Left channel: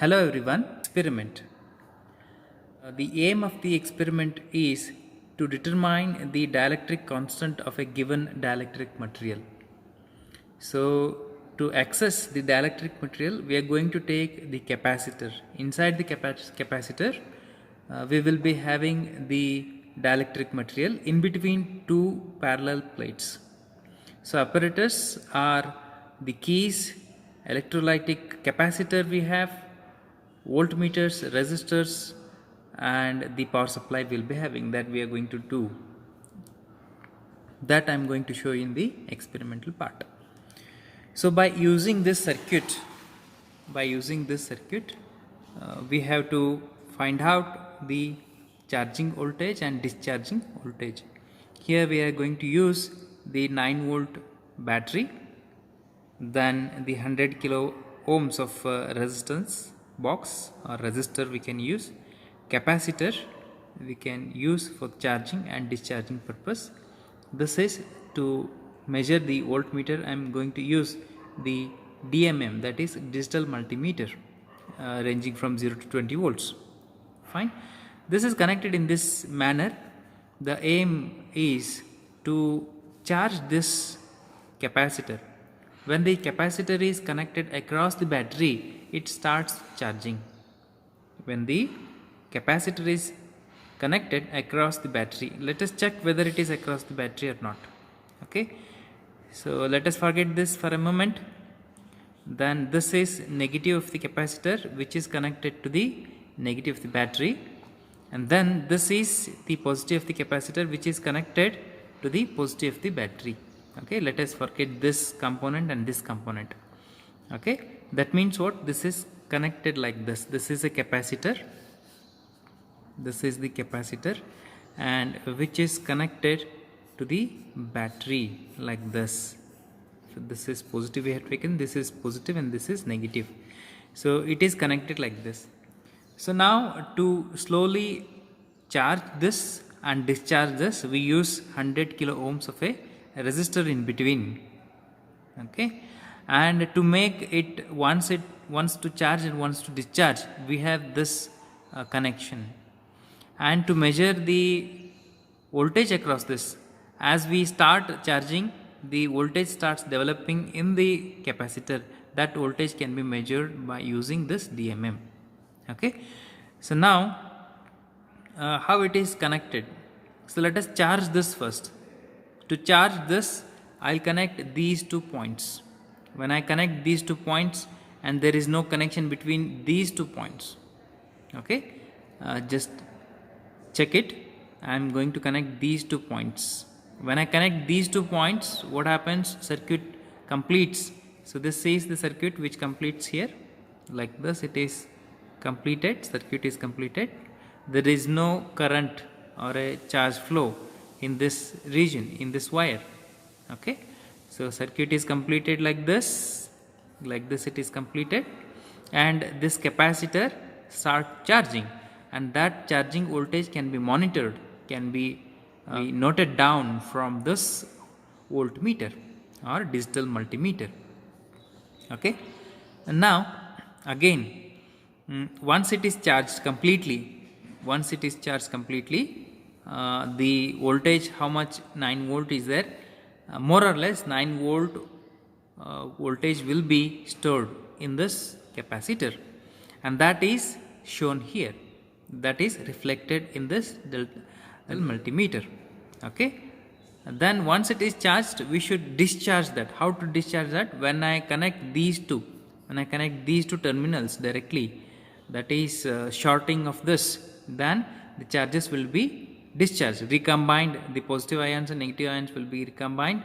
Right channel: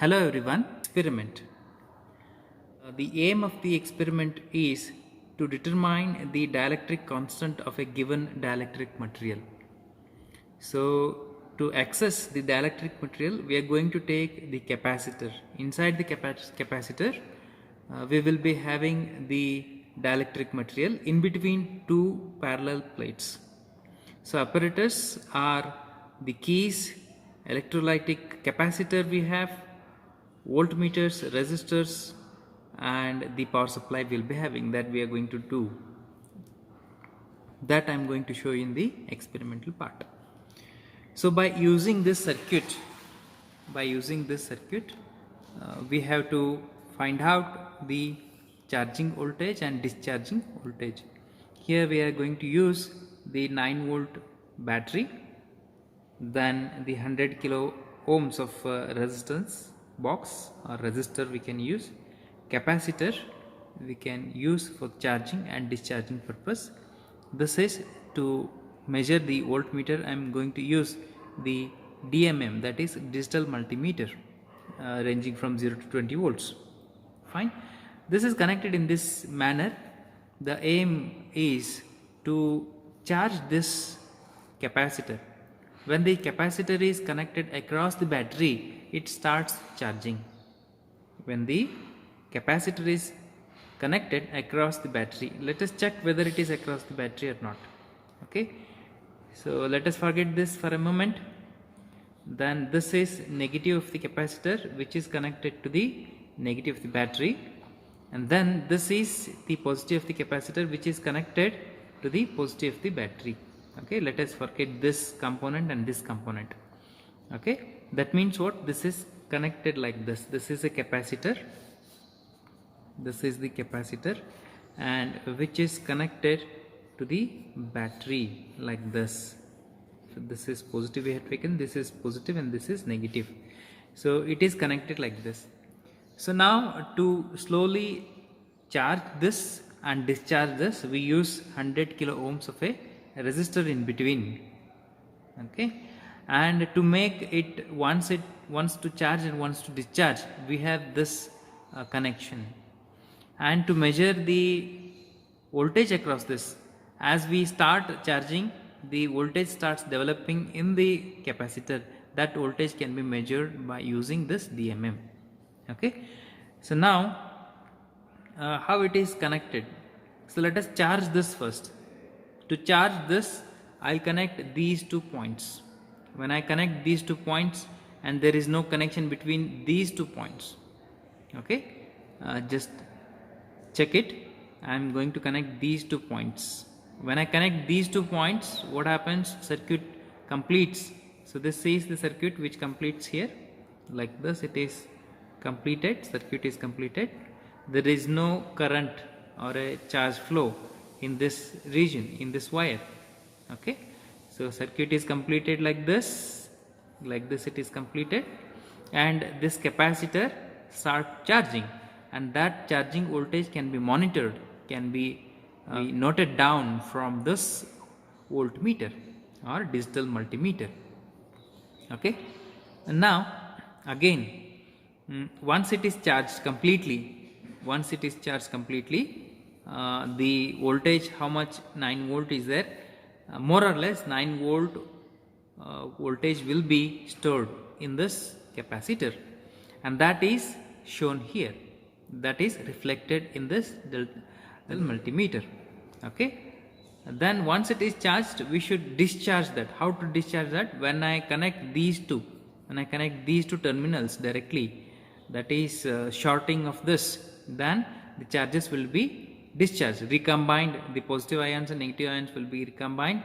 Hello everyone. Experiment. The aim of the experiment is to determine the dielectric constant of a given dielectric material. So to access the dielectric material, we are going to take the capacitor. Inside the capacitor, we will be having the dielectric material in between two parallel plates. So apparatus are the keys, electrolytic capacitor we have, voltmeters, resistors, and the power supply will be having. That we are going to do. That I am going to show you in the experimental part. So by using this circuit, we have to find out the charging voltage and discharging voltage. Here we are going to use the 9 volt battery, then the 100 kilo ohms of resistance box or resistor we can use, capacitor we can use for charging and discharging purpose. This is to measure the voltmeter. I am going to use the DMM, that is digital multimeter, ranging from 0 to 20 volts. Fine. This is connected in this manner. The aim is to charge this capacitor. When the capacitor is connected across the battery, it starts charging. When the capacitor is connected across the battery, let us check whether it is across the battery or not. Okay, so let us forget this for a moment. Then this is negative of the capacitor, which is connected to the negative of the battery, and then this is the positive of the capacitor, which is connected to the positive of the battery. Okay, let us forget this component and this component. Okay, that means what? This is connected like this. This is a capacitor, this is the capacitor, and which is connected to the battery like this. So this is positive we have taken, this is positive, and this is negative. So it is connected like this. So now to slowly charge this and discharge this, we use 100 kilo ohms of a resistor in between. Okay, and to make it once to charge and once to discharge, we have this connection. And to measure the voltage across this, as we start charging, the voltage starts developing in the capacitor. That voltage can be measured by using this DMM. Okay, so now how it is connected? So let us charge this first. To charge this, I'll connect these 2 points. When I connect these 2 points and there is no connection between these 2 points, okay, just check it. I am going to connect these 2 points. When I connect these 2 points, what happens? Circuit completes. So this is the circuit which completes here like this. It is completed, circuit is completed. There is no current or a charge flow in this region, in this wire. Okay, so circuit is completed like this it is completed, and this capacitor starts charging, and that charging voltage can be monitored, can be noted down from this voltmeter or digital multimeter. Okay, and now again, once it is charged completely, the voltage, how much? 9 volt is there. More or less 9 volt voltage will be stored in this capacitor, and that is shown here, that is reflected in this multimeter. Okay, and then once it is charged, we should discharge that. How to discharge that? When I connect these two terminals directly, that is shorting of this, then the charges will be discharged, recombined. The positive ions and negative ions will be recombined,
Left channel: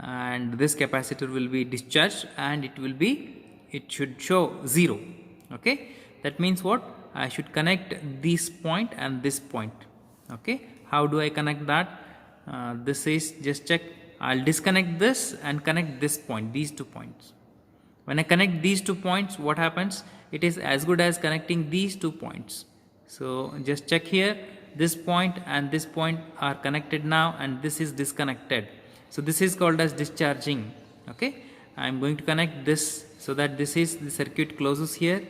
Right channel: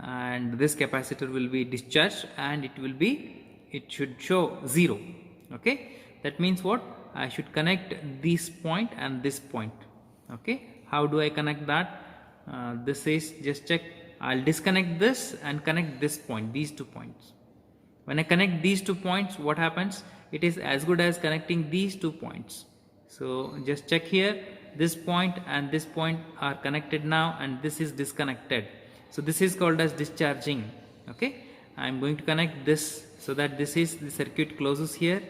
and this capacitor will be discharged, and it should show 0. Okay, that means what? I should connect this point and this point. Okay, how do I connect that? This is, just check. I'll disconnect this and connect this point, these 2 points. When I connect these 2 points, what happens? It is as good as connecting these 2 points. So just check here, this point and this point are connected now, and this is disconnected. So this is called as discharging. Okay, I am going to connect this so that this is the circuit closes here.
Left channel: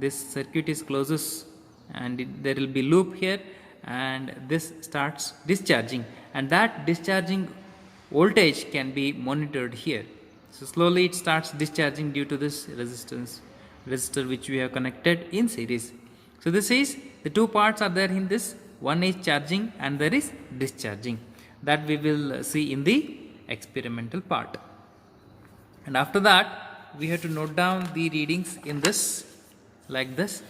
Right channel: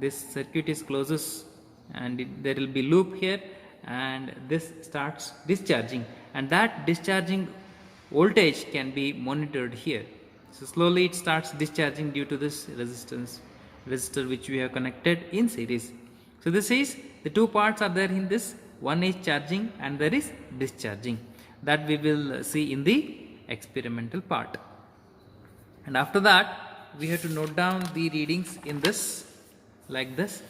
this circuit is closes and there will be loop here, and this starts discharging, and that discharging voltage can be monitored here. So slowly it starts discharging due to this resistor which we have connected in series. So this is the two parts are there in this, one is charging and there is discharging, that we will see in the experimental part. And after that we have to note down the readings in this like this.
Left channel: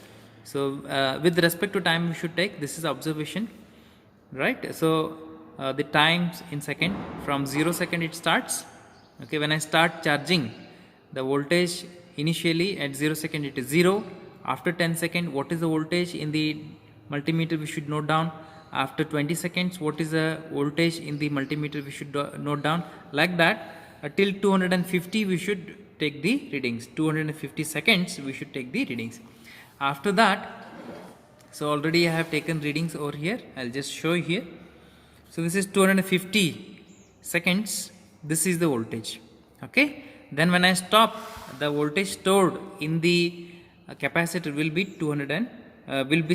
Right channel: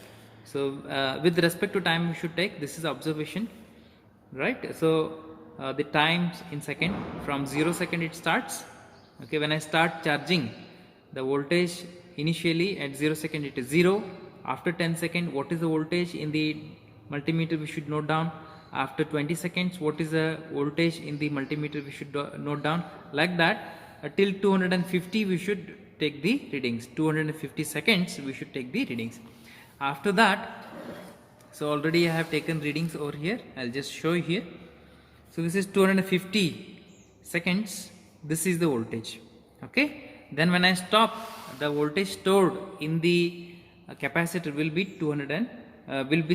So with respect to time we should take, this is observation, right? So the times in second, from 0 second it starts. Okay, when I start charging, the voltage initially at 0 second it is 0. After 10 second, what is the voltage in the multimeter we should note down. After 20 seconds, what is the voltage in the multimeter we should note down. Like that till 250 we should take the readings. 250 seconds we should take the readings. After that, so already I have taken readings over here, I will just show you here. So this is 250 seconds, this is the voltage. Okay, then when I stop, the voltage stored in the capacitor will be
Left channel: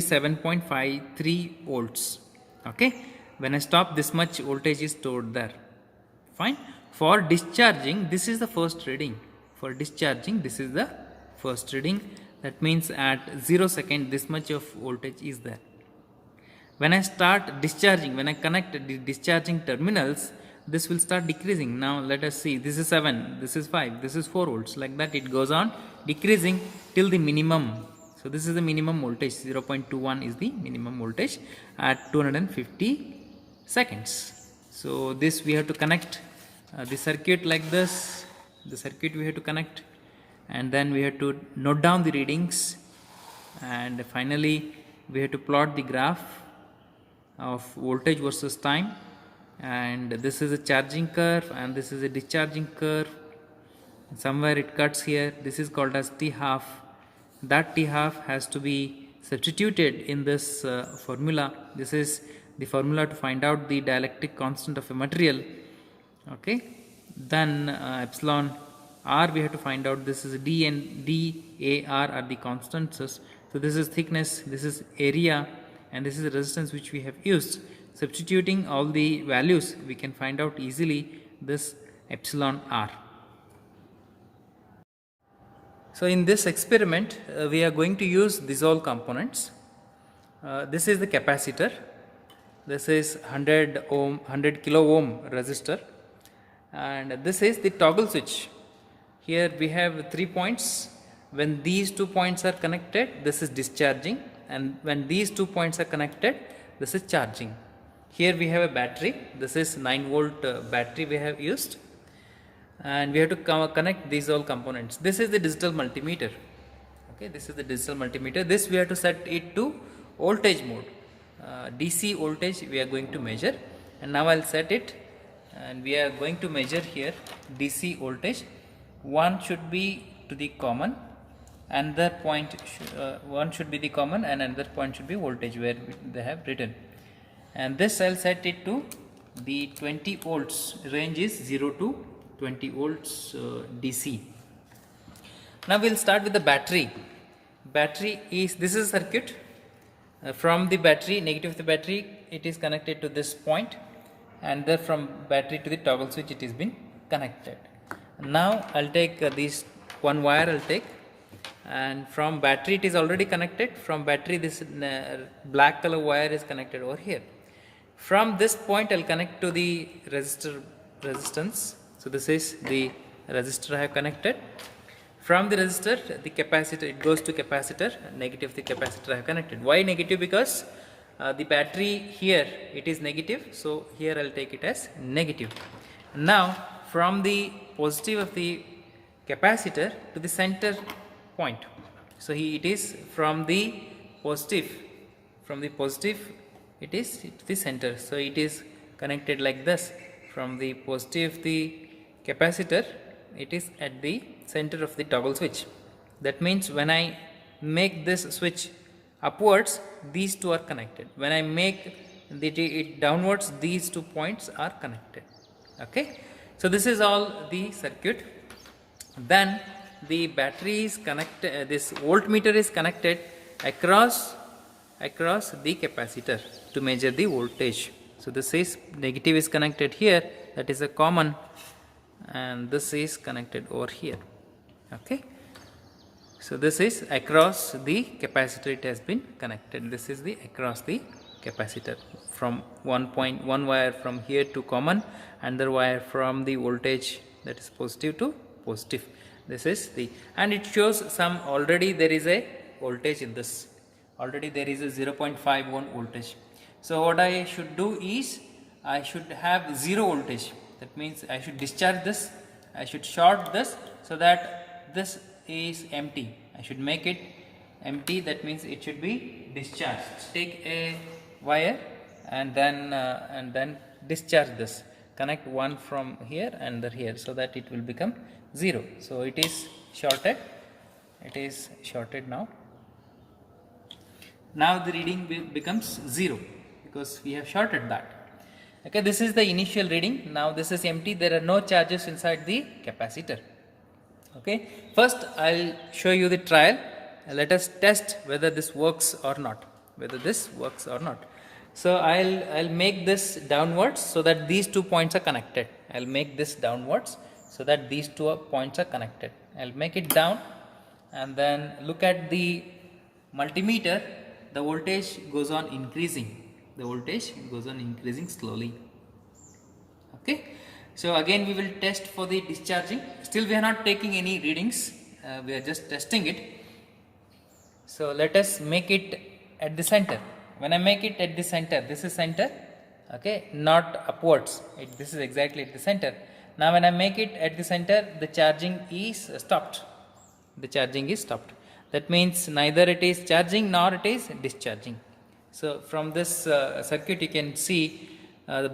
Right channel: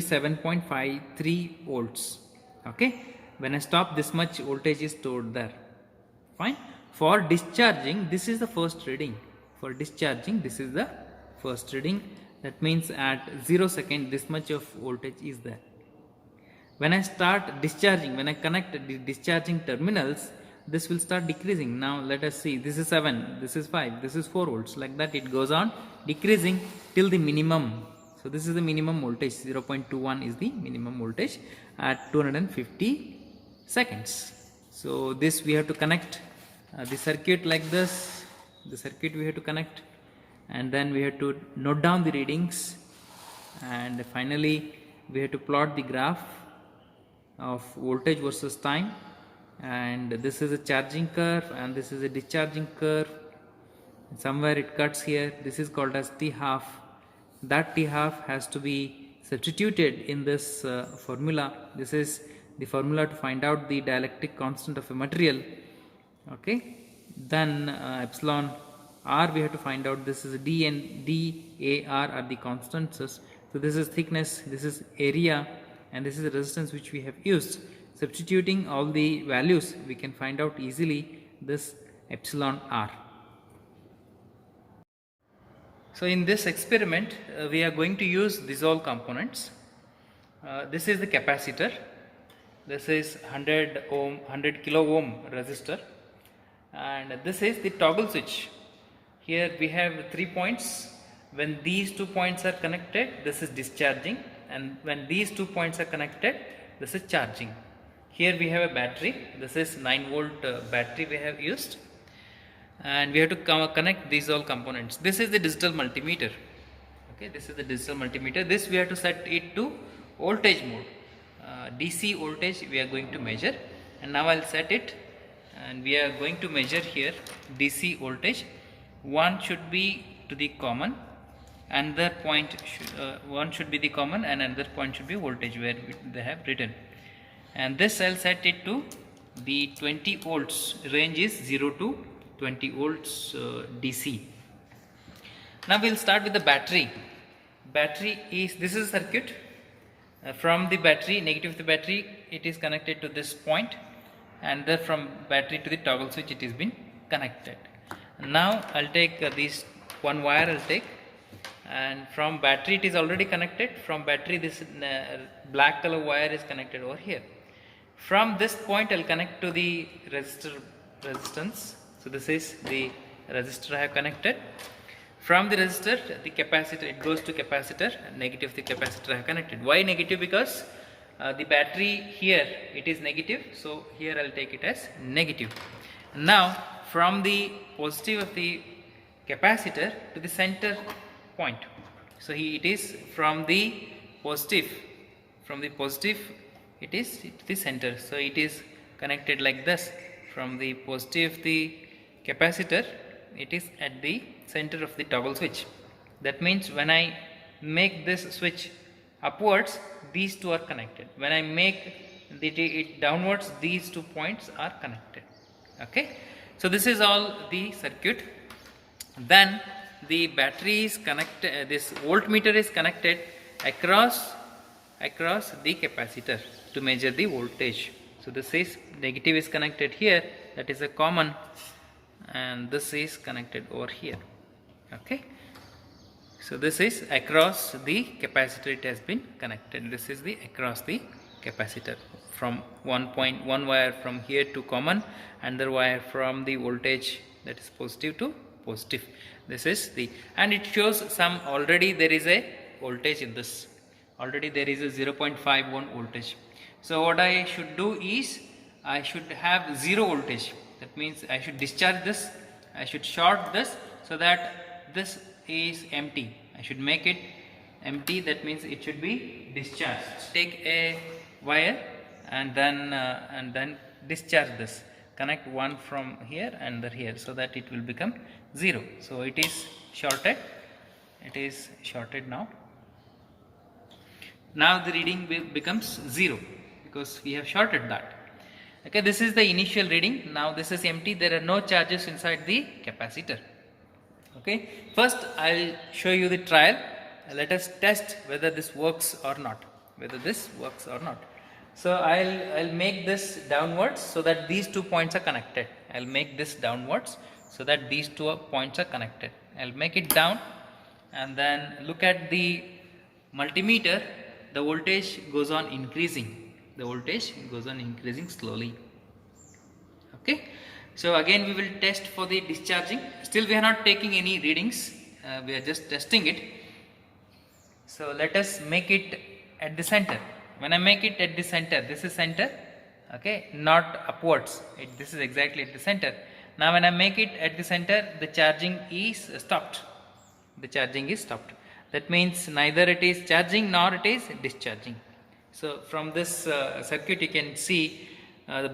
7.53 volts. Okay, when I stop, this much voltage is stored there. Fine. For discharging, this is the first reading. For discharging, this is the first reading. That means at 0 second, this much of voltage is there. When I start discharging, when I connect the discharging terminals, this will start decreasing. Now let us see, this is 7, this is 5, this is 4 volts, like that it goes on decreasing till the minimum. So this is the minimum voltage, 0.21 is the minimum voltage at 250 seconds. So this we have to connect the circuit like this, the circuit we have to connect, and then we have to note down the readings, and finally we have to plot the graph of voltage versus time, and this is a charging curve and this is a discharging curve. Somewhere it cuts here, this is called as T half. That T half has to be substituted in this formula. This is the formula to find out the dielectric constant of a material. Okay, then epsilon r we have to find out. This is d and d a r are the constants. So this is thickness, this is area, and this is the resistance which we have used. Substituting all the values, we can find out easily this epsilon r. So in this experiment, we are going to use these all components. This is the capacitor. This is 100 kilo ohm resistor, and this is the toggle switch. Here we have 3 points. When these 2 points are connected, this is discharging, and when these 2 points are connected, this is charging. Here we have a battery. This is 9 volt battery we have used, and we have to connect these all components. This is the digital multimeter. Okay, this is the digital multimeter. This we have to set it to voltage mode. DC voltage we are going to measure, and now I'll set it, and we are going to measure here DC voltage. One should be to the common, another point one should be the common, and another point should be voltage where they have written. And this I'll set it to the 20 volts. Range is 0 to 20 volts DC. Now we'll start with the battery. Battery is, this is a circuit. From the battery, negative of the battery, it is connected to this point, and then from battery to the toggle switch it is been connected. Now I'll take this one wire I'll take, and from battery it is already connected. From battery this black color wire is connected over here. From this point I'll connect to the resistance. So this is the resistor I have connected. From the resistor, the capacitor, it goes to capacitor, negative the capacitor I have connected. Why negative? Because the battery here it is negative, so here I'll take it as negative. Now from the positive of the capacitor to the center point. So it is from the positive it is to the center. So it is connected like this. From the positive of the capacitor, it is at the center of the toggle switch. That means when I make this switch upwards, these two are connected. When I make it downwards, these 2 points are connected. Okay, so this is all the circuit. Then the battery is connected, this voltmeter is connected across the capacitor to measure the voltage. So this is negative is connected here, that is a common, and this is connected over here. Okay. So this is across the capacitor, it has been connected. This is the across the capacitor, from one wire from here to common, another wire from the voltage, that is positive to positive. This is the, and it shows some, already there is a voltage in this, already there is a 0.51 voltage. So what I should do is, I should have 0 voltage. That means I should discharge this, I should short this, so that this is empty. I should make it empty, that means it should be discharged. Take a wire and then discharge this. Connect one from here and the here, so that it will become 0. So it is shorted. It is shorted now. Now the reading becomes 0 because we have shorted that. Okay, this is the initial reading. Now this is empty. There are no charges inside the capacitor. Okay, first I will show you the trial. Let us test whether this works or not. So I'll make this downwards so that these 2 points are connected. I'll make this downwards so that these 2 points are connected. I'll make it down, and then look at the multimeter. The voltage goes on increasing. The voltage goes on increasing slowly. Okay. So again we will test for the discharging. Still we are not taking any readings. We are just testing it. So let us make it at the center. When I make it at the center, this is center, okay, not upwards. This is exactly at the center. Now when I make it at the center, the charging is stopped. The charging is stopped. That means neither it is charging nor it is discharging. So from this circuit you can see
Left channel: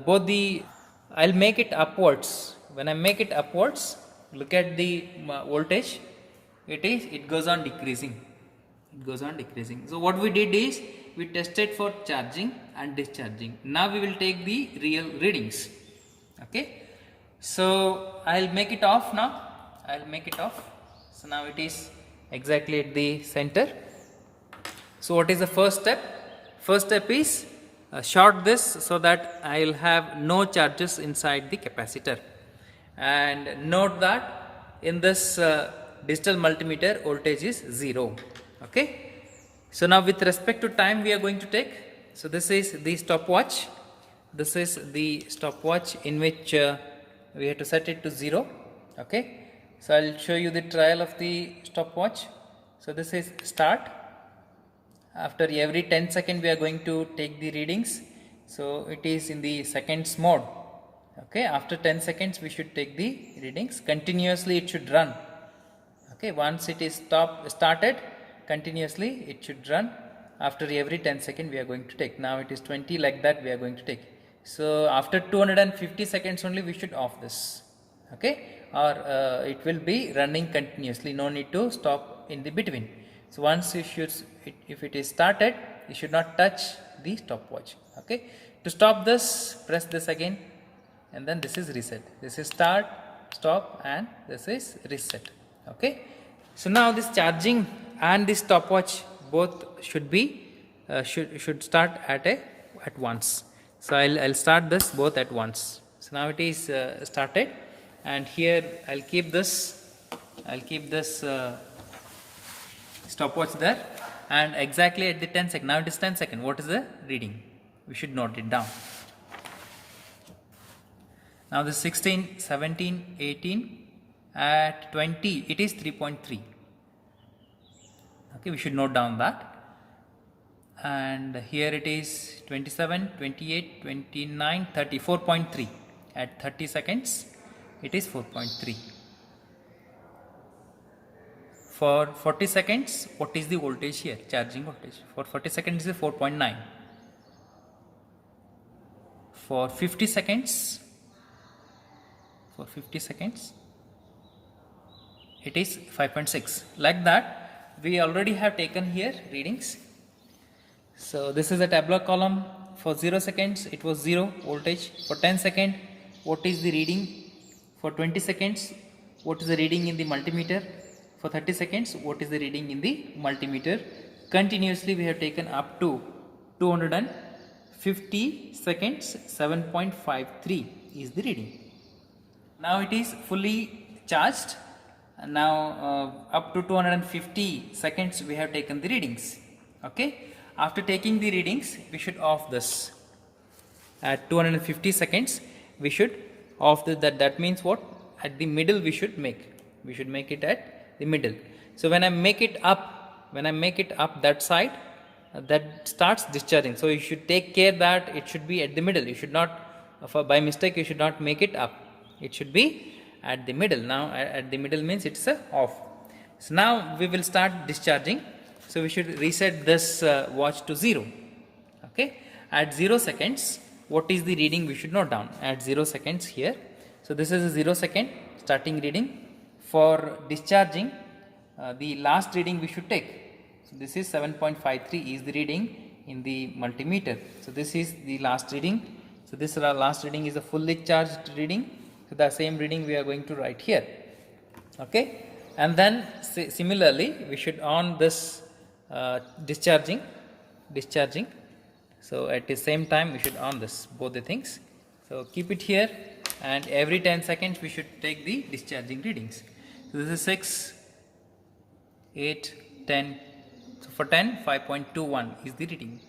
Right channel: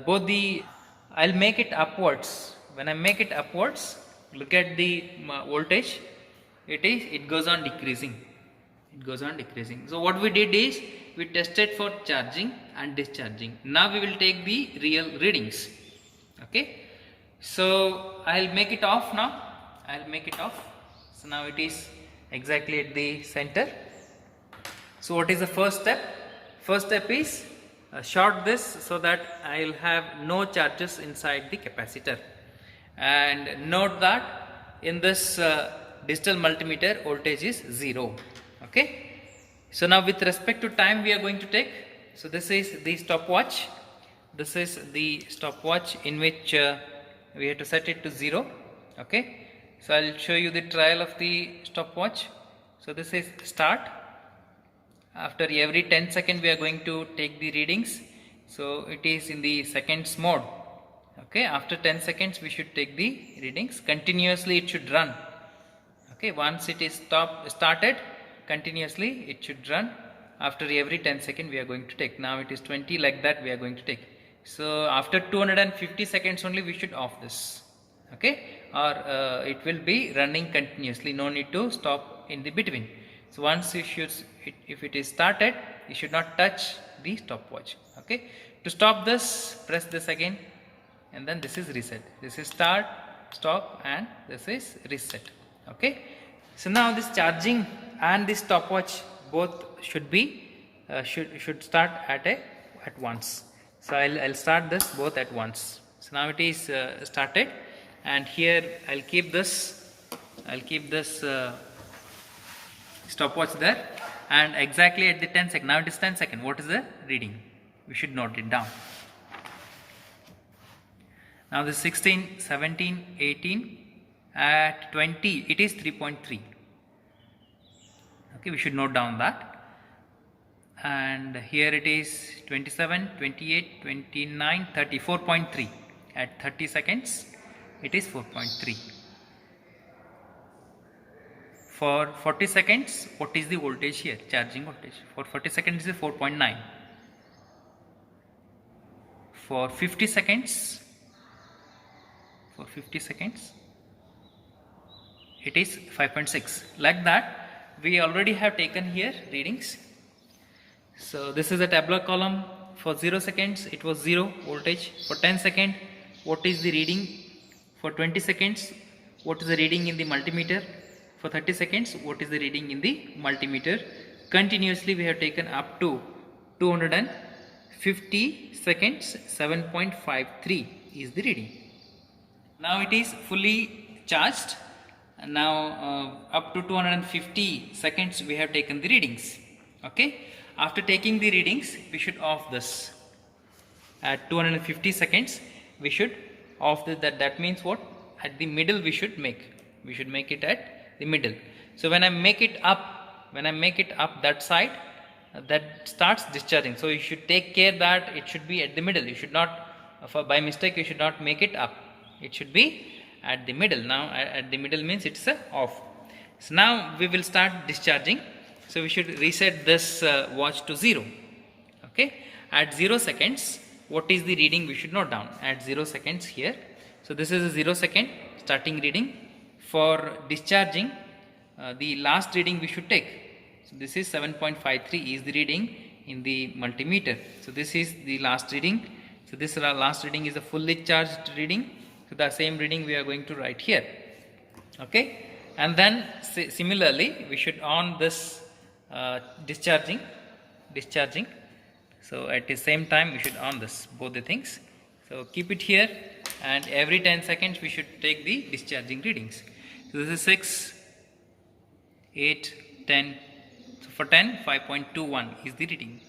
both the, I'll make it upwards. When I make it upwards, look at the voltage. It goes on decreasing. It goes on decreasing. So what we did is, we tested for charging and discharging. Now we will take the real readings. Okay. So I'll make it off now. I'll make it off. So now it is exactly at the center. So what is the first step? First step is short this so that I will have no charges inside the capacitor. And note that in this digital multimeter voltage is 0. Okay. So now with respect to time we are going to take. So this is the stopwatch. This is the stopwatch in which we have to set it to 0. Okay. So I will show you the trial of the stopwatch. So this is start. After every 10 seconds we are going to take the readings. So it is in the seconds mode. Okay. After 10 seconds we should take the readings. Continuously it should run. Okay. Once it is started, continuously it should run. After every 10 seconds we are going to take. Now it is 20, like that we are going to take. So after 250 seconds only we should off this. Okay. Or it will be running continuously. No need to stop in the between. So once you should, if it is started, you should not touch the stopwatch. Okay. To stop this, press this again, and then this is reset. This is start, stop, and this is reset. Okay. So now this charging and this stopwatch both should be should start at once. So I'll start this both at once. So now it is started, and here I'll keep this stopwatch there, and exactly at the 10 second. Now it is 10 second. What is the reading? We should note it down. Now this 16, 17, 18, at 20 it is 3.3. Okay, we should note down that. And here it is 27, 28, 29, 30, 4.3. At 30 seconds it is 4.3. For 40 seconds, what is the voltage here? Charging voltage. For 40 seconds it is 4.9. For 50 seconds, it is 5.6. Like that, we already have taken here readings. So this is a tabular column. For 0 seconds it was 0 voltage. For 10 seconds, what is the reading? For 20 seconds, what is the reading in the multimeter? For 30 seconds, what is the reading in the multimeter? Continuously we have taken up to 250 seconds, 7.53 is the reading. Now it is fully charged. Now up to 250 seconds we have taken the readings. Okay. After taking the readings, we should off this. At 250 seconds, we should off this. That means what? At the middle we should make. We should make it at the middle. So when I make it up that side, that starts discharging. So you should take care that it should be at the middle. You should not, by mistake, you should not make it up. It should be at the middle. Now at the middle means it's off. So now we will start discharging. So we should reset this watch to 0. Okay. At 0 seconds, what is the reading we should note down? At 0 seconds here. So this is a 0 second starting reading. For discharging, the last reading we should take. So this is 7.53 is the reading in the multimeter. So this is the last reading. So this last reading is a fully charged reading. So the same reading we are going to write here. Okay. And then similarly we should on this discharging. So at the same time we should on this, both the things. So keep it here, and every 10 seconds we should take the discharging readings. So this is 6, 8, 10. So for 10, 5.21 is the reading.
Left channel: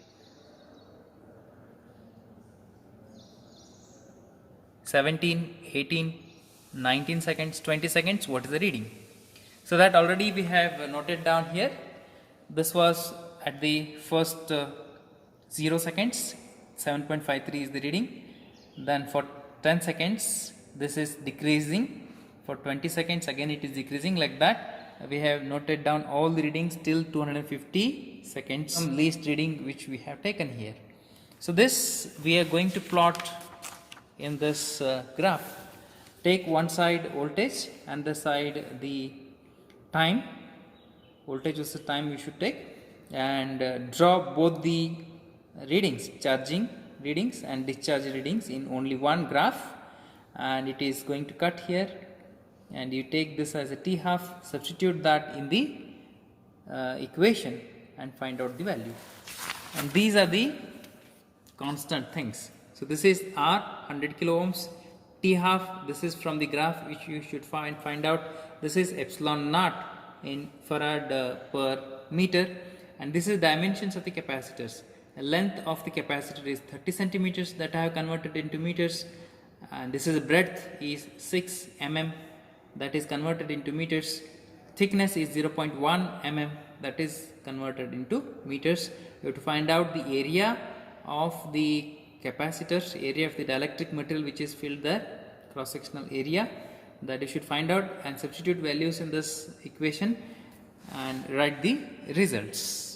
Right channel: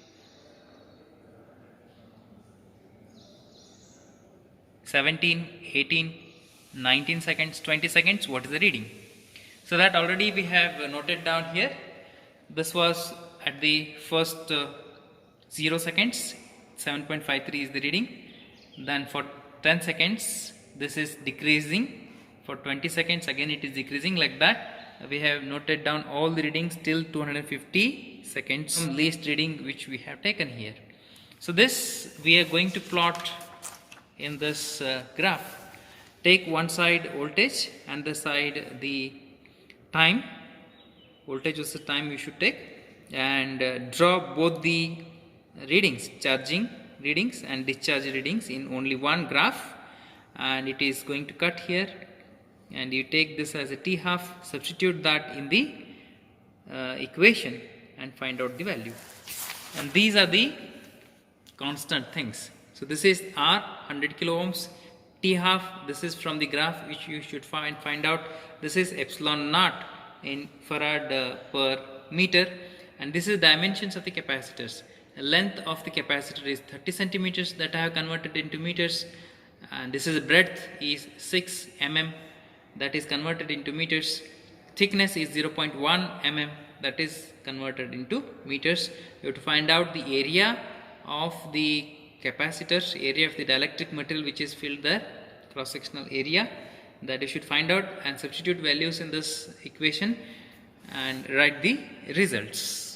17, 18, 19 seconds, 20 seconds, what is the reading? So that already we have noted down here. This was at the first 0 seconds, 7.53 is the reading. Then for 10 seconds, this is decreasing. For 20 seconds, again it is decreasing, like that. We have noted down all the readings till 250 seconds, some least reading which we have taken here. So this we are going to plot in this graph. Take one side voltage and the side the time. Voltage versus time we should take, and draw both the readings, charging readings and discharge readings in only one graph, and it is going to cut here, and you take this as a T half, substitute that in the equation and find out the value. And these are the constant things. So this is R 100 kilo ohms, T half, this is from the graph which you should find out. This is epsilon naught in farad per meter, and this is dimensions of the capacitors. The length of the capacitor is 30 centimeters that I have converted into meters, and this is breadth is 6 mm that is converted into meters. Thickness is 0.1 mm that is converted into meters. You have to find out the area of the capacitor, area of the dielectric material which is filled there, cross sectional area, that you should find out and substitute values in this equation and write the results.